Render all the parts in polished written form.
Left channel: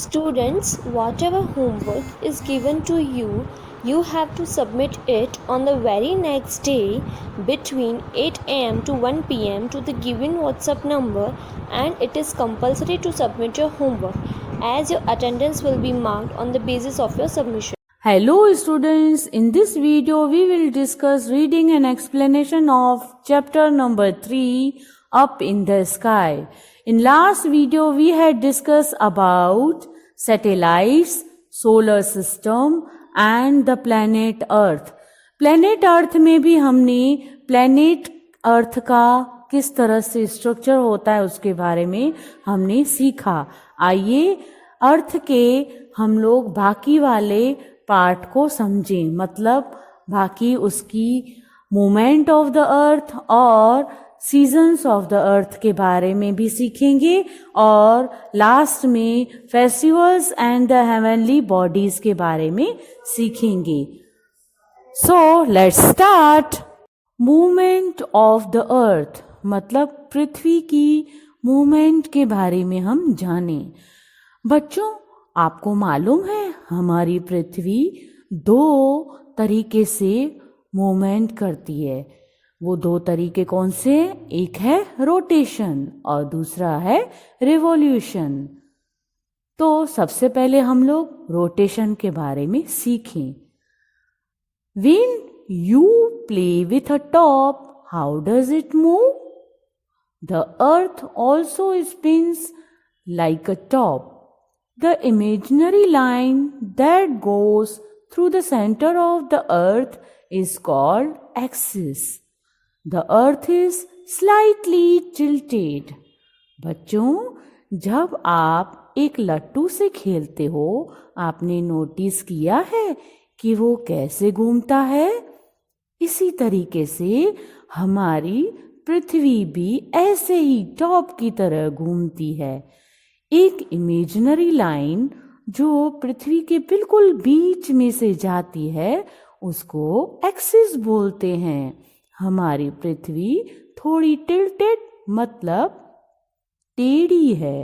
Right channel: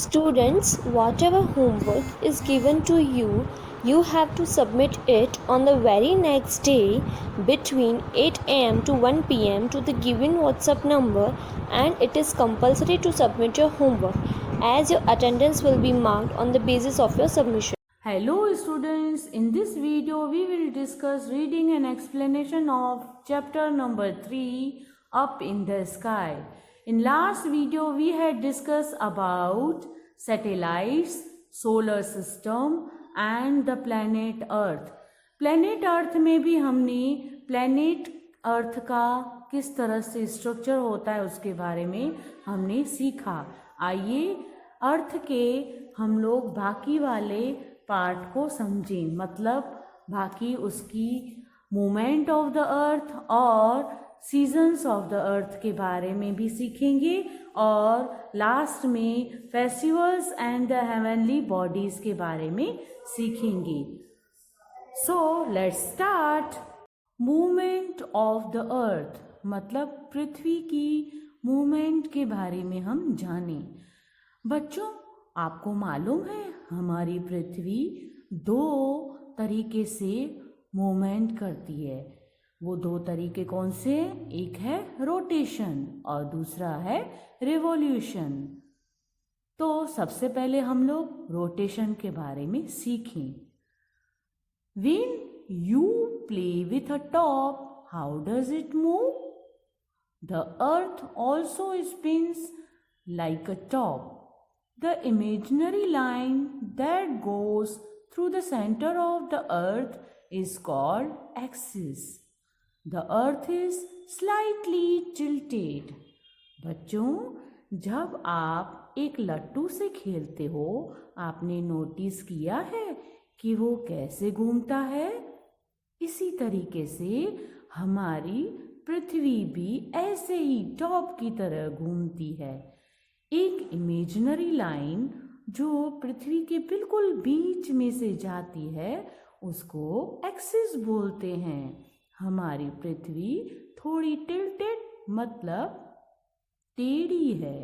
Students, whatever homework is given to you, you have to submit it on the very next day between 8 am to 1 pm to the given WhatsApp number, and it is compulsory to submit your homework as your attendance will be marked on the basis of your submission. Hello students, in this video we will discuss reading and explanation of chapter number 3, Up in the Sky. In last video we had discussed about satellites, solar system and the planet Earth. Planet Earth में भी हमने planet Earth का किस तरह से structure होता है उसके बारे में हमने सीखा. आइए अर्थ के हम लोग बाकी वाले पार्ट को समझें, मतलब बाकी उसकी मूवमेंट ऑफ द अर्थ और सीजन्स ऑफ द अर्थ के बारे में भी सीखेंगे और लास्ट में festivals and the heavenly bodies के बारे में सीखेंगे. So let's start. Movement of the अर्थ मतलब पृथ्वी की मूवमेंट के बारे में हम जानें. बच्चों, आपको मालूम है हमारी पृथ्वी 2 तरीके से मूवमेंट करती है. वो 2 तरीके कौन से? एक है रोटेशन और दूसरा है रिवॉल्यूशन. तो सबसे पहले हम लोग रोटेशन के बारे में सीखें. When you play with a top, how does it move? The earth also spins like a top. The imaginary line that goes through the center of the earth is called axis. The earth is slightly tilted. बच्चों, जब आप एक लट्टू से खेलते हो, आपने notice किया है कि वो कैसे घूमता है? इसी तरीके से हमारी पृथ्वी भी ऐसे ही टॉप की तरह घूमती है. एक इमेजिनरी लाइन जो पृथ्वी के बिल्कुल बीच में से जाती है उसको एक्सिस बोलते हैं. हमारी पृथ्वी थोड़ी टिल्टेड मतलब टेढ़ी है.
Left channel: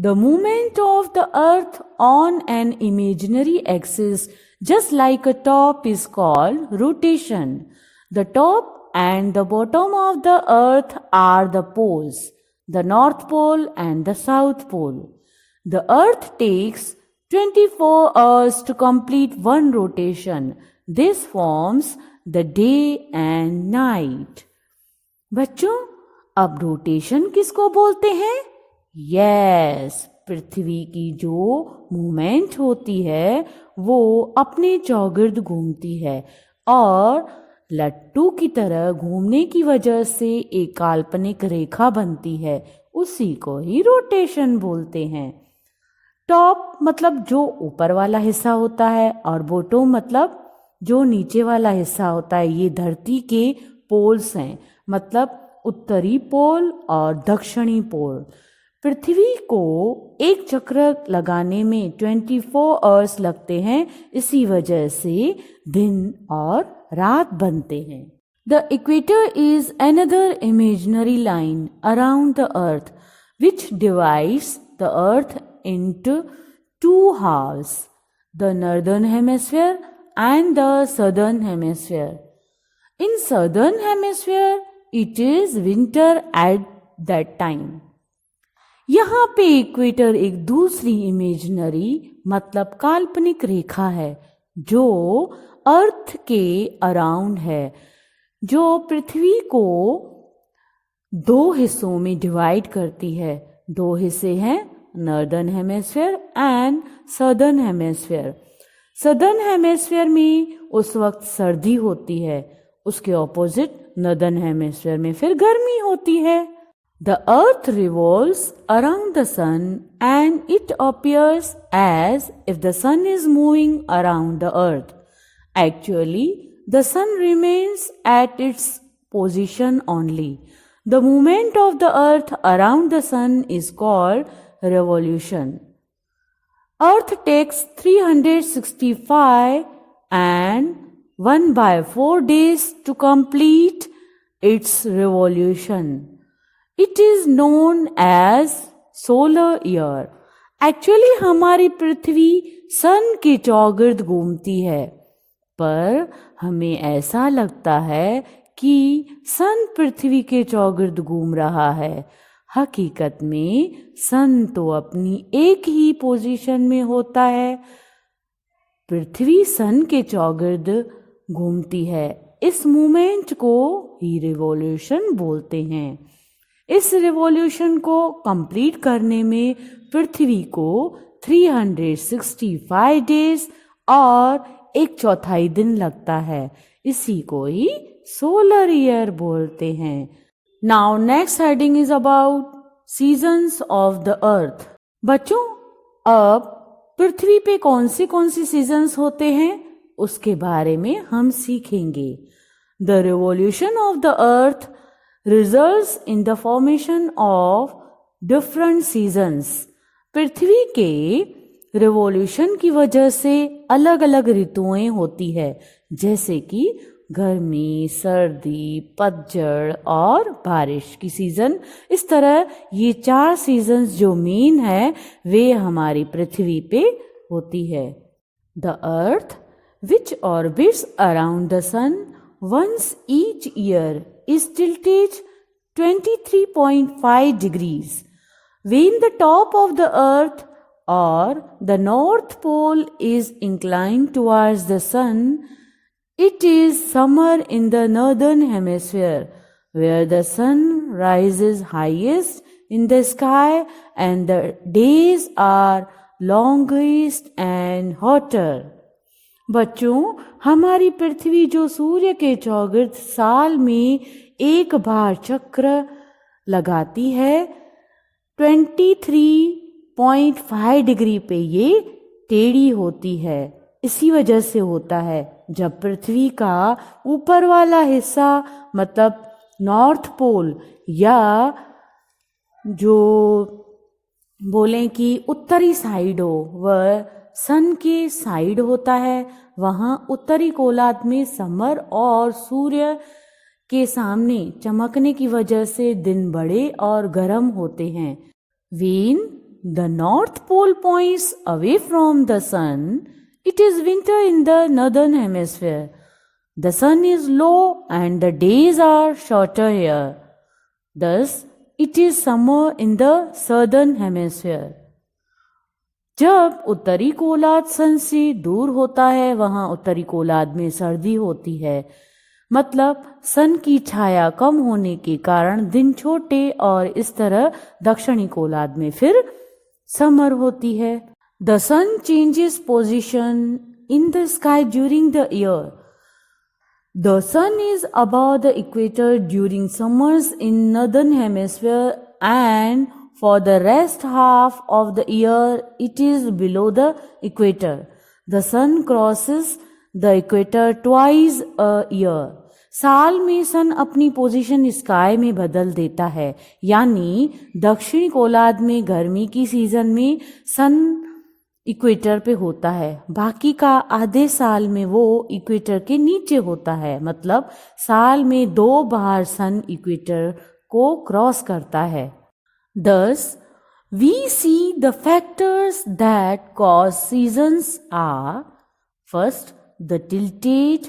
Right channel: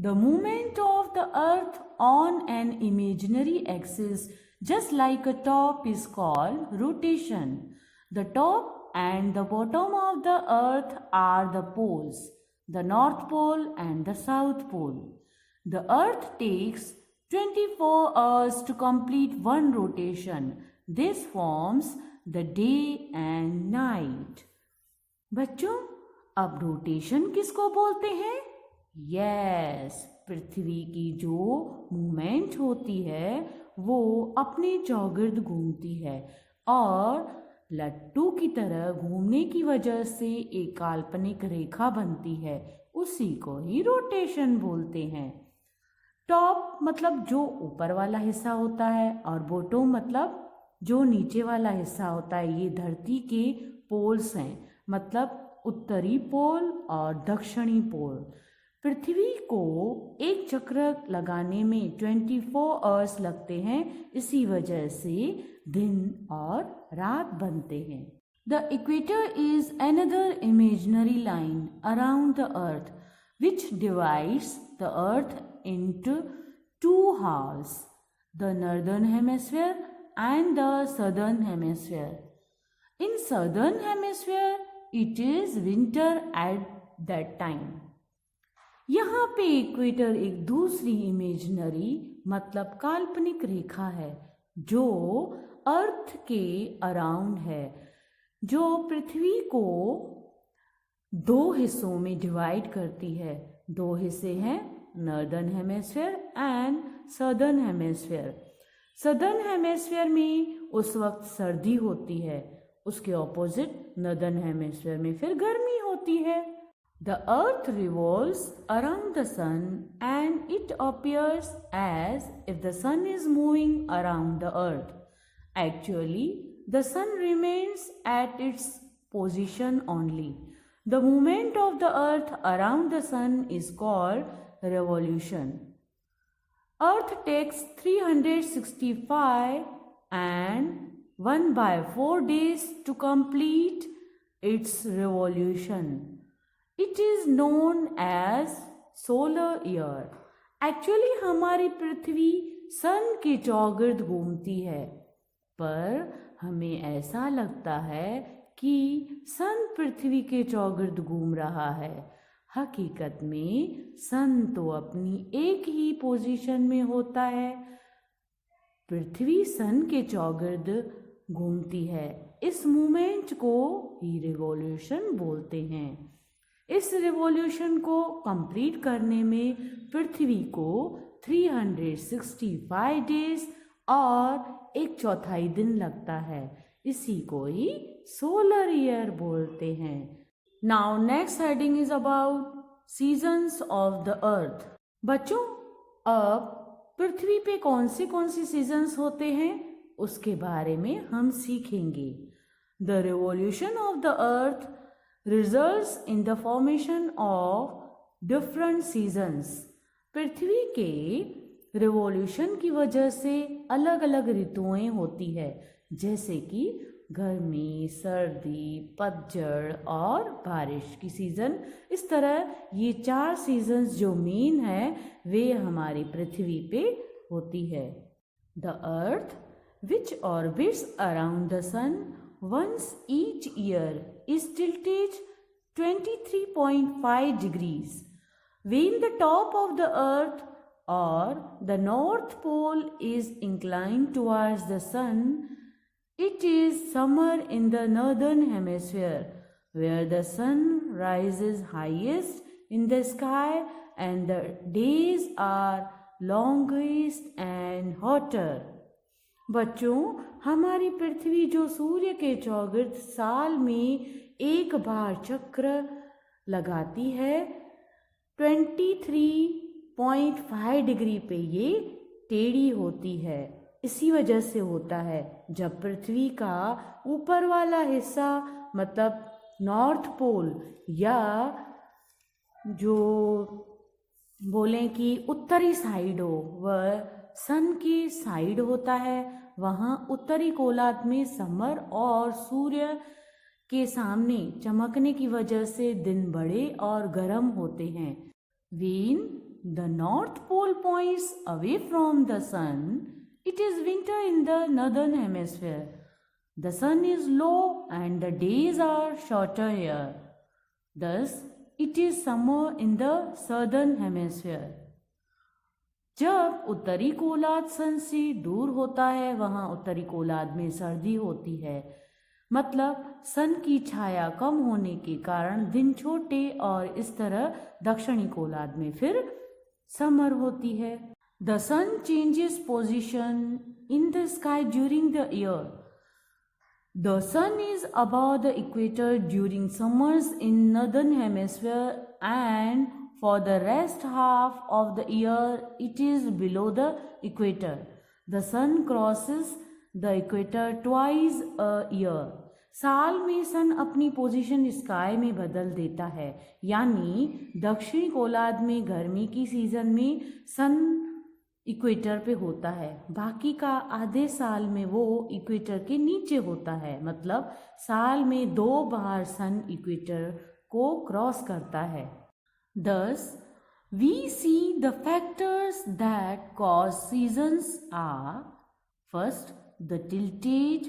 The movement of the earth on an imaginary axis just like a top is called rotation. The top and the bottom of the earth are the poles, the North Pole and the South Pole. The earth takes 24 hours to complete one rotation. This forms the day and night. बच्चों, अब rotation किसको बोलते हैं? Yes, पृथ्वी की जो movement होती है वो अपने चौगिर्द घूमती है और लट्टू की तरह घूमने की वजह से एक काल्पनिक रेखा बनती है. उसी को ही रोटेशन बोलते हैं. टॉप मतलब जो ऊपर वाला हिस्सा होता है और बॉटम मतलब जो नीचे वाला हिस्सा होता है. ये धरती के पोल्स हैं, मतलब उत्तरी पोल और दक्षिणी पोल. पृथ्वी को एक चक्र लगाने में 24 आवर्स लगते हैं. इसी वजह से दिन और रात बनते हैं. The equator is another imaginary line around the earth which divides the earth into 2 halves, the northern hemisphere and the southern hemisphere. In southern hemisphere it is winter at that time. यहाँ पे equator एक दूसरी imaginary मतलब काल्पनिक रेखा है जो अर्थ के around है, जो पृथ्वी को 2 हिस्सों में डिवाइड करती है. 2 हिस्से हैं northern hemisphere and southern hemisphere. Southern hemisphere में उस वक्त सर्दी होती है, उसके ऑपोजिट नॉर्दर्न हेमिस्फीयर में फिर गर्मी होती है. The earth revolves around the sun and it appears as if the sun is moving around the earth. Actually, the sun remains at its position only. The movement of the earth around the sun is called revolution. Earth takes 365 and 1/4 days to complete its revolution. It is known as solar year actually हमारी पृथ्वी सन के चौगिर्द घूमती है, पर हमें ऐसा लगता है कि सन पृथ्वी के चौगिर्द घूम रहा है। हकीकत में सन तो अपनी एक ही पोजीशन में होता है। पृथ्वी सन के चौगिर्द घूमती है। इस मूवमेंट को ही रिवॉल्यूशन बोलते हैं। इस रिवॉल्यूशन को कंप्लीट करने में पृथ्वी को 365 डेज और 1/4 दिन लगता है। इसी को ही सोलर ईयर बोलते हैं। Now next heading is about seasons of the अर्थ। बच्चों, अब पृथ्वी पे कौन सी सीजन्स होते हैं उसके बारे में हम सीखेंगे। The revolution of the earth results in the formation of different seasons. पृथ्वी के रिवॉल्यूशन की वजह से अलग अलग ऋतुएं होती है, जैसे कि गर्मी, सर्दी, पतझड़ और बारिश की सीजन। इस तरह ये 4 सीजन्स जो मेन है वे हमारी पृथ्वी पे होती है। The earth which orbits around the sun once each year is tilted 23.5 degrees. When the top of the earth or the north pole is inclined towards the sun, it is summer in the northern hemisphere, where the sun rises highest in the sky and the days are longest and hotter. बच्चों, हमारी पृथ्वी जो सूर्य के चौगिर्द साल में एक बार चक्र लगाती है, 23.5 डिग्री पे ये टेढ़ी होती है। इसी वजह से होता है जब पृथ्वी का ऊपर वाला हिस्सा मतलब नॉर्थ पोल या जो बोलें कि उत्तरी साइड हो वह सन के साइड होता है, वहाँ उत्तरी गोलार्ध में समर और सूर्य के सामने चमकने की वजह से दिन बड़े और गर्म होते हैं। When the North Pole points away from the sun, it is winter in the northern hemisphere. The sun is low and the days are shorter here. Thus, it is summer in the southern hemisphere. जब उत्तरी गोलार्ध सन से दूर होता है, वहाँ उत्तरी गोलार्ध में सर्दी होती है। मतलब सन की छाया कम होने के कारण दिन छोटे और इस तरह दक्षिणी गोलार्ध में फिर समर होती है। The sun changes position in the sky during the year. The sun is above the equator during summers in northern hemisphere and for the rest half of the year it is below the equator. The sun crosses the equator twice a year. साल में सन अपनी position sky में बदल देता है, यानी दक्षिणी गोलार्ध में गर्मी की सीजन में सन इक्वेटर पे होता है, बाकी का आधे साल में वो इक्वेटर के नीचे होता है। मतलब साल में 2 बार सन इक्वेटर को क्रॉस करता है। Thus, we see the factors that cause seasons are first the tilted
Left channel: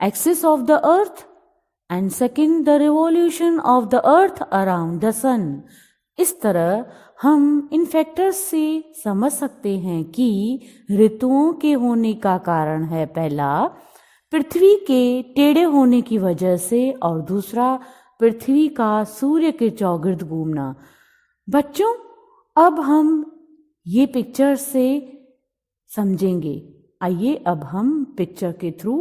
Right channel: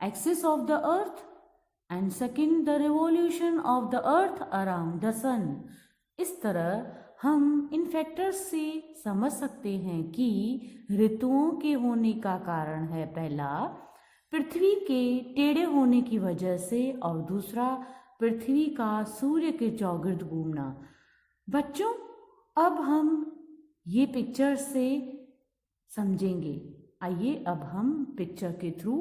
axis of the earth and second the revolution of the earth around the sun. इस तरह हम इन फैक्टर्स से समझ सकते हैं कि ऋतुओं के होने का कारण है पहला पृथ्वी के टेढ़े होने की वजह से और दूसरा पृथ्वी का सूर्य के चौगिर्द घूमना। बच्चों, अब हम ये पिक्चर से समझेंगे। आइए अब हम पिक्चर के थ्रू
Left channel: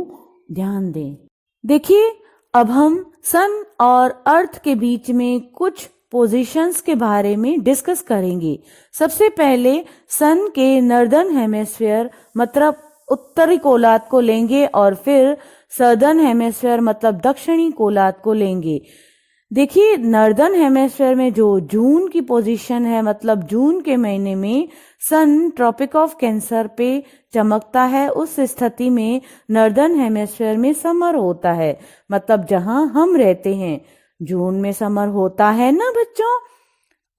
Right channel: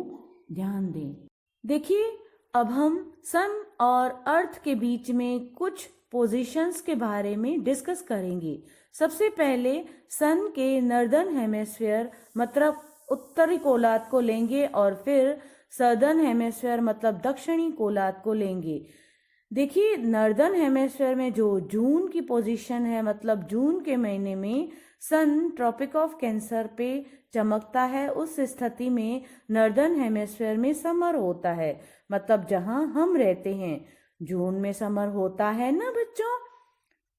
ध्यान दें। देखिए, अब हम सन और अर्थ के बीच में कुछ पोजीशंस के बारे में डिस्कस करेंगे। सबसे पहले सन के नॉर्दर्न हेमिस्फीयर मतलब उत्तरी गोलार्ध को लेंगे और फिर सदर्न हेमिस्फीयर मतलब दक्षिणी गोलार्ध को लेंगे। देखिए, नॉर्दर्न हेमिस्फीयर में जो जून की पोजीशन है, मतलब जून के महीने में सन ट्रॉपिक ऑफ कैंसर पे चमकता है, उस स्थिति में नॉर्दर्न हेमिस्फीयर में समर होता है। मतलब जहां हम रहते हैं जून में समर होता है ना बच्चों।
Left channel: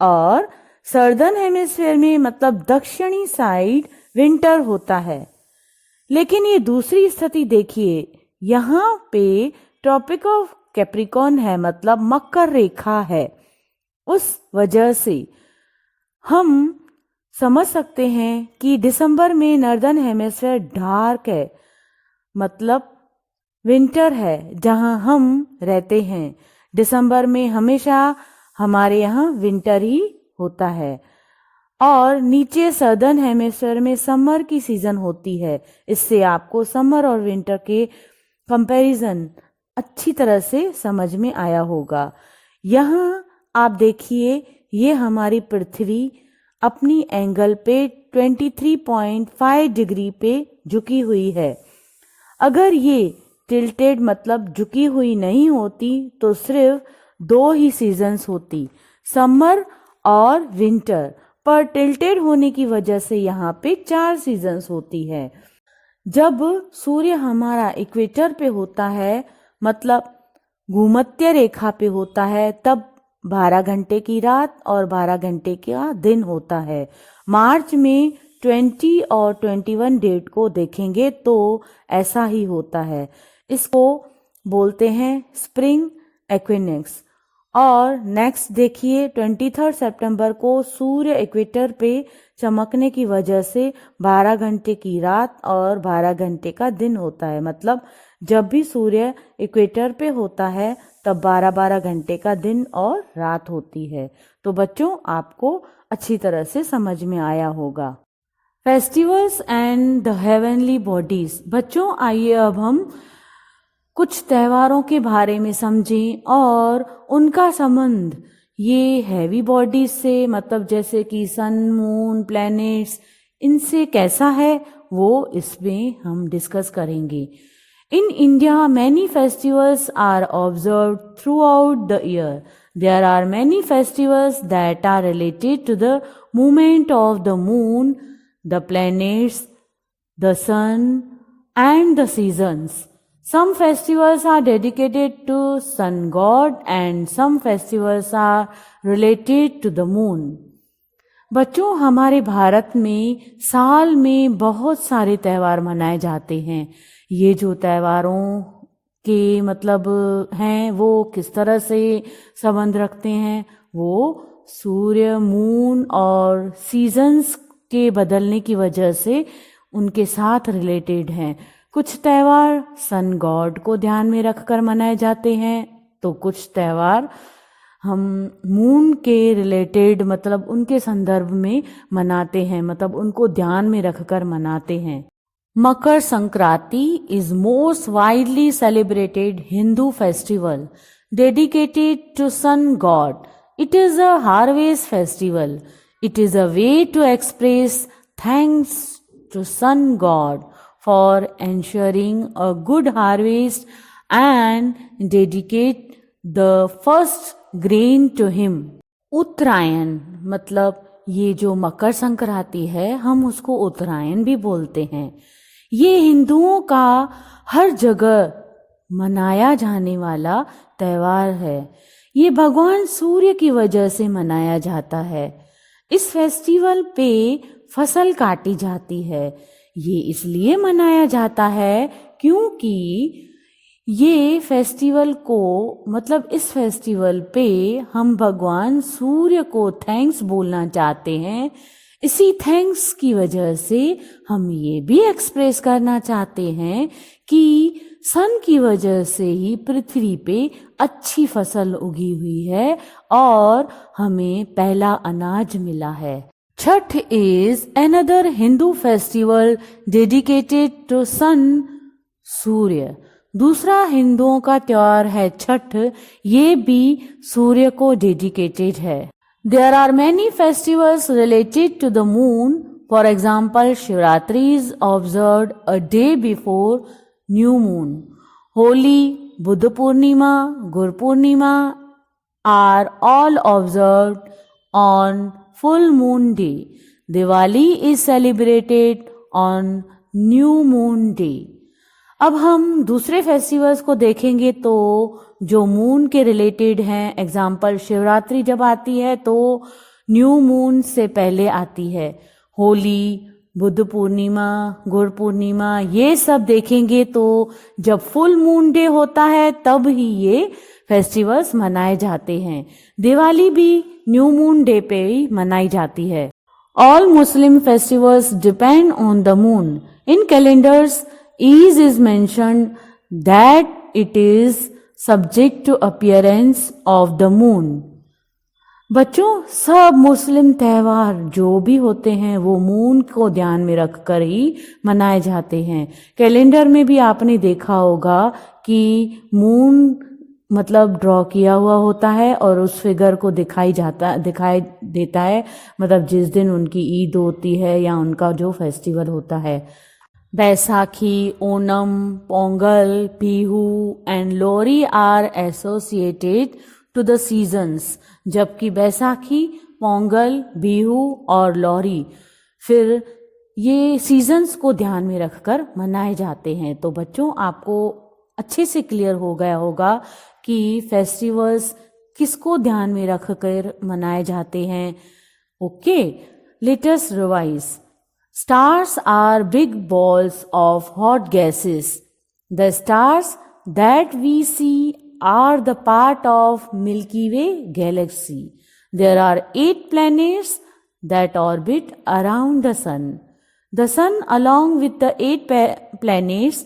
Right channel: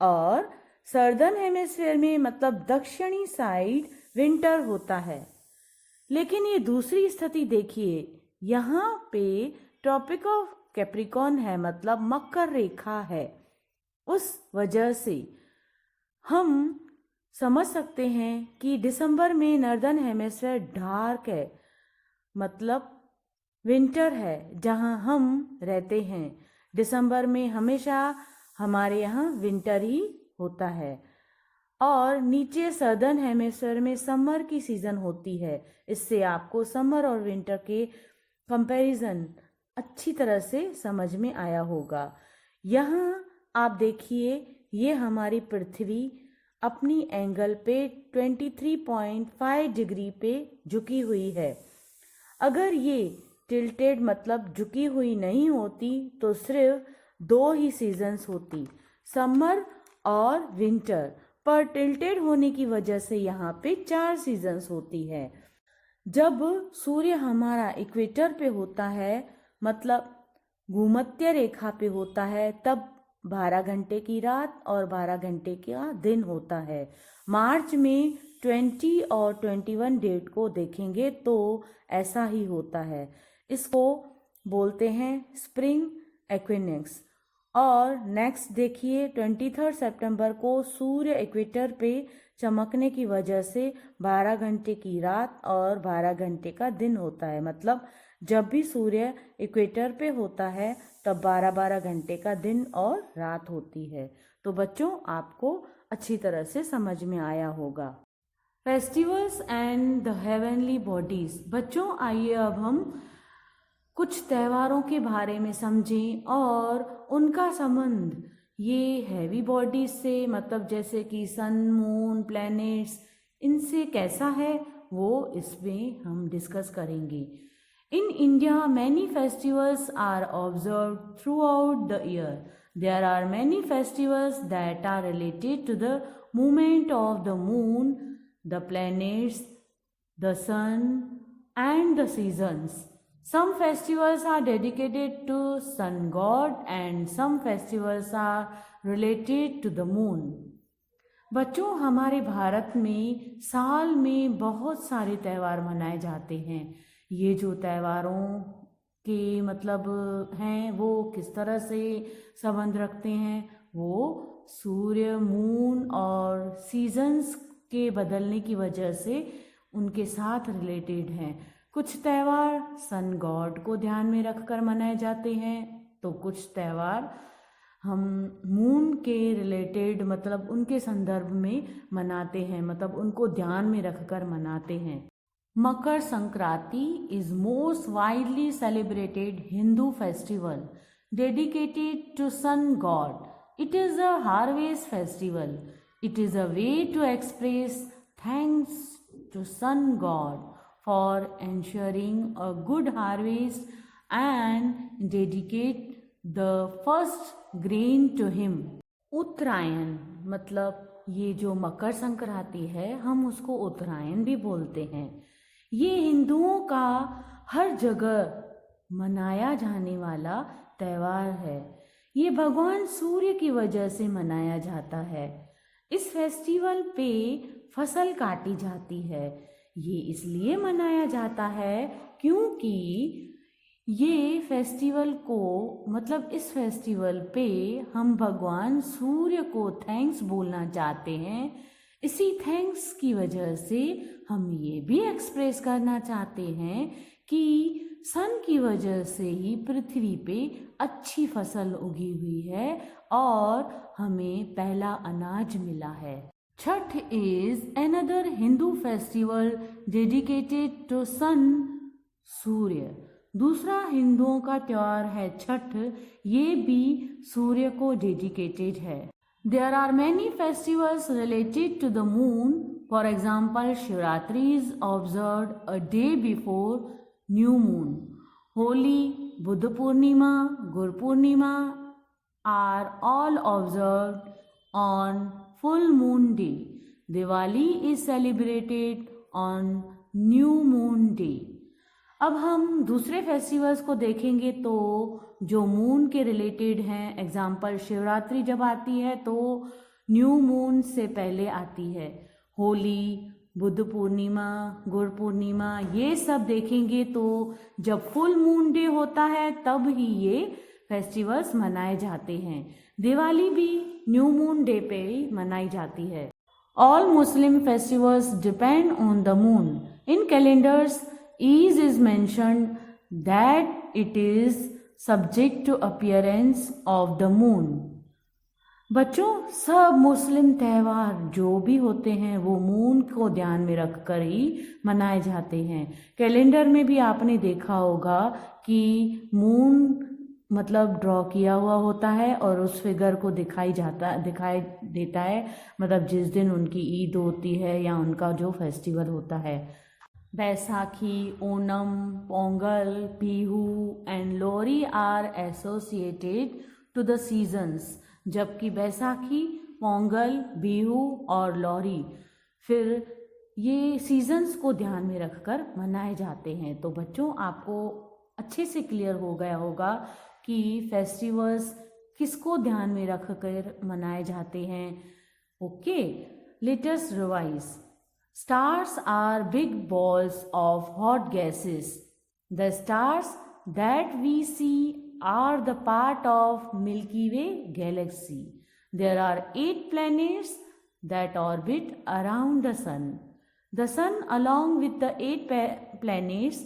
और सर्दर्न हेमिस्फेयर में मतलब दक्षिणी साइड विंटर होता है। लेकिन ये दूसरी स्थिति देखिए, यहाँ पे ट्रॉपिक ऑफ कैप्रिकॉर्न है, मतलब मकर रेखा है। उस वजह से हम समझ सकते हैं कि दिसंबर में नॉर्दर्न हेमिस्फेयर डार्क है, मतलब विंटर है जहाँ हम रहते हैं। दिसंबर में हमेशा हमारे यहाँ विंटर ही होता है। और नीचे सदर्न हेमिस्फेयर में समर की सीजन होती है। इससे आपको समर और विंटर के कंपैरिजन अच्छी तरह से समझ में आया होगा। यहाँ आप देखिए, ये हमारी पृथ्वी अपनी एंगल पे 23.5 डिग्री पे झुकी हुई है। अगर ये टिल्टेड मतलब झुकी हुई नहीं होती तो सिर्फ 2 ही सीजन्स होती, समर और विंटर। पर टिल्टेड होने की वजह से यहाँ पे 4 सीजन्स होती है। जब सूर्य हमारा इक्वेटर पे होता है, मतलब भूमध्य रेखा पे होता है, तब 12 घंटे की रात और 12 घंटे का दिन होता है। मार्च में 20 और 21 डेट को देखेंगे तो ऐसा ही होता है। इसको बोलते हैं स्प्रिंग इक्विनॉक्स। और नेक्स्ट देखिए, 23 सितंबर को सूर्य इक्वेटर पे चमकने की वजह से 12 घंटे की रात और 12 घंटे का दिन होता है। मतलब जब भी सूर्य इक्वेटर पे होता है तब 12-12 घंटे का दिन और रात होती है। तो बच्चों, आपको अच्छी तरह से समझ में आया होगा। Festivals and the heavenly bodies. बच्चों, आइए अब हम कुछ त्योहारों के बारे में समझें और उनका संबंध ये हैवी बॉडीज से, मतलब जैसे कि सन, मून, प्लैनेट्स, इनसे कैसा है वो इसमें हम डिस्कस करेंगे। In India, many festivals are observed throughout the year. There are many festivals that are related to the movement of the moon, the planets, the sun, and the seasons. Some festivals are dedicated to sun god and some festivals are related to the moon. बच्चों, हमारे भारत में साल में बहुत सारे त्यौहार मनाए जाते हैं। ये जो त्योहारों के मतलब हैं वो किस तरह से संबंध रखते हैं, वो सूर्य, मून और सीजन्स के बदलने की वजह से उनके साथ रिलेटेड हैं। कुछ त्यौहार सन गॉड को ध्यान में रखकर मनाए जाते हैं, तो कुछ त्यौहार हम मून के रिलेटेड मतलब उनके संदर्भ में मनाते हैं, मतलब उनको ध्यान में रखकर मनाते हैं। Makar Sankranti is most widely celebrated Hindu festival dedicated to sun god. It is a harvest festival. It is a way to express thanks to sun god for ensuring a good harvest and dedicate the first grain to him. उत्तरायण मतलब ये जो मकर संक्रांति है हम उसको उत्तरायण भी बोलते हैं। ये हिंदुओं का हर जगह मनाया जाने वाला त्यौहार है। ये भगवान सूर्य की वजह से मनाया जाता है। इस फेस्टिवल पे फसल काटी जाती है। ये इसलिए मनाया जाता है क्योंकि ये फेस्टिवल को मतलब इस फेस्टिवल पे हम भगवान सूर्य को थैंक्स बोलना चाहते हैं। इसी थैंक्स की वजह से हम ये भी एक्सप्रेस करना चाहते हैं कि सन की वजह से ही पृथ्वी पे अच्छी फसल उगी हुई है और हमें पहला अनाज मिला है। Chhath is another Hindu festival dedicated to sun Surya. दूसरा हिंदुओं का त्योहार है छठ, ये भी सूर्य को डेडिकेटेड है। There are many festivals related to the moon. For example, Shivratri is observed a day before new moon. Holi, Buddha Purnima, Guru Purnima are all observed on full moon day. Diwali is celebrated on new moon day. अब हम दूसरे festivals को देखेंगे तो जो moon के related हैं, example Shivratri जब आती है तो न्यू मून से पहले आती है। होली, बुद्ध पूर्णिमा, गुरु पूर्णिमा ये सब देखेंगे तो जब फुल मून डे होता है तब ही ये फेस्टिवल्स मनाए जाते हैं। दिवाली भी न्यू मून डे पे ही मनाई जाती है। All Muslim festivals depend on the moon. In calendars, Eid is mentioned that it is subject to appearance of the moon. बच्चों, सब मुस्लिम त्यौहार जो भी होते हैं वो मून को ध्यान में रखकर ही मनाए जाते हैं। कैलेंडर में भी आपने देखा होगा कि मून मतलब ड्रॉ किया हुआ होता है और उस फिगर को दिखाई देता है, मतलब जिस दिन उनकी ईद होती है या उनका जो फेस्टिवल होता है। Baisakhi, Onam, Pongal, Bihu and Lohri are associated to the seasons, जबकि बैसाखी, पोंगल, बिहू और लोहरी फिर ये सीजन्स को ध्यान में रखकर मनाए जाते हैं। तो बच्चों, आपको अच्छे से क्लियर हो गया होगा कि फेस्टिवल्स किसको ध्यान में रखकर मनाए जाते हैं। Okay, let us revise. Stars are big balls of hot gases. The stars that we see are the part of Milky Way galaxy. There are 8 planets that orbit around the sun. The sun along with the 8 planets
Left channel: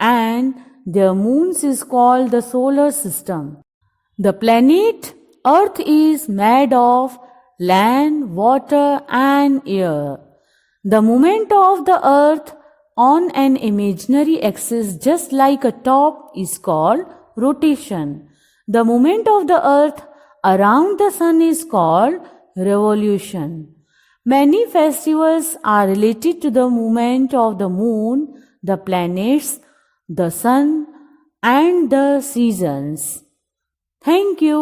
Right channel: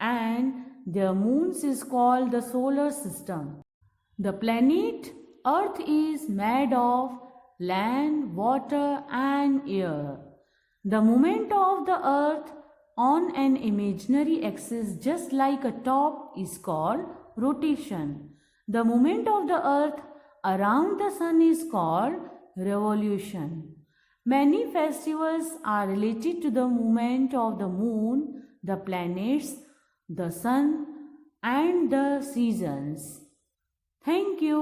and their moons is called the solar system. The planet Earth is made of land, water and air. The movement of the Earth on an imaginary axis just like a top is called rotation. The movement of the earth around the sun is called revolution. Many festivals are related to the movement of the moon, the planets, the sun and the seasons. Thank you.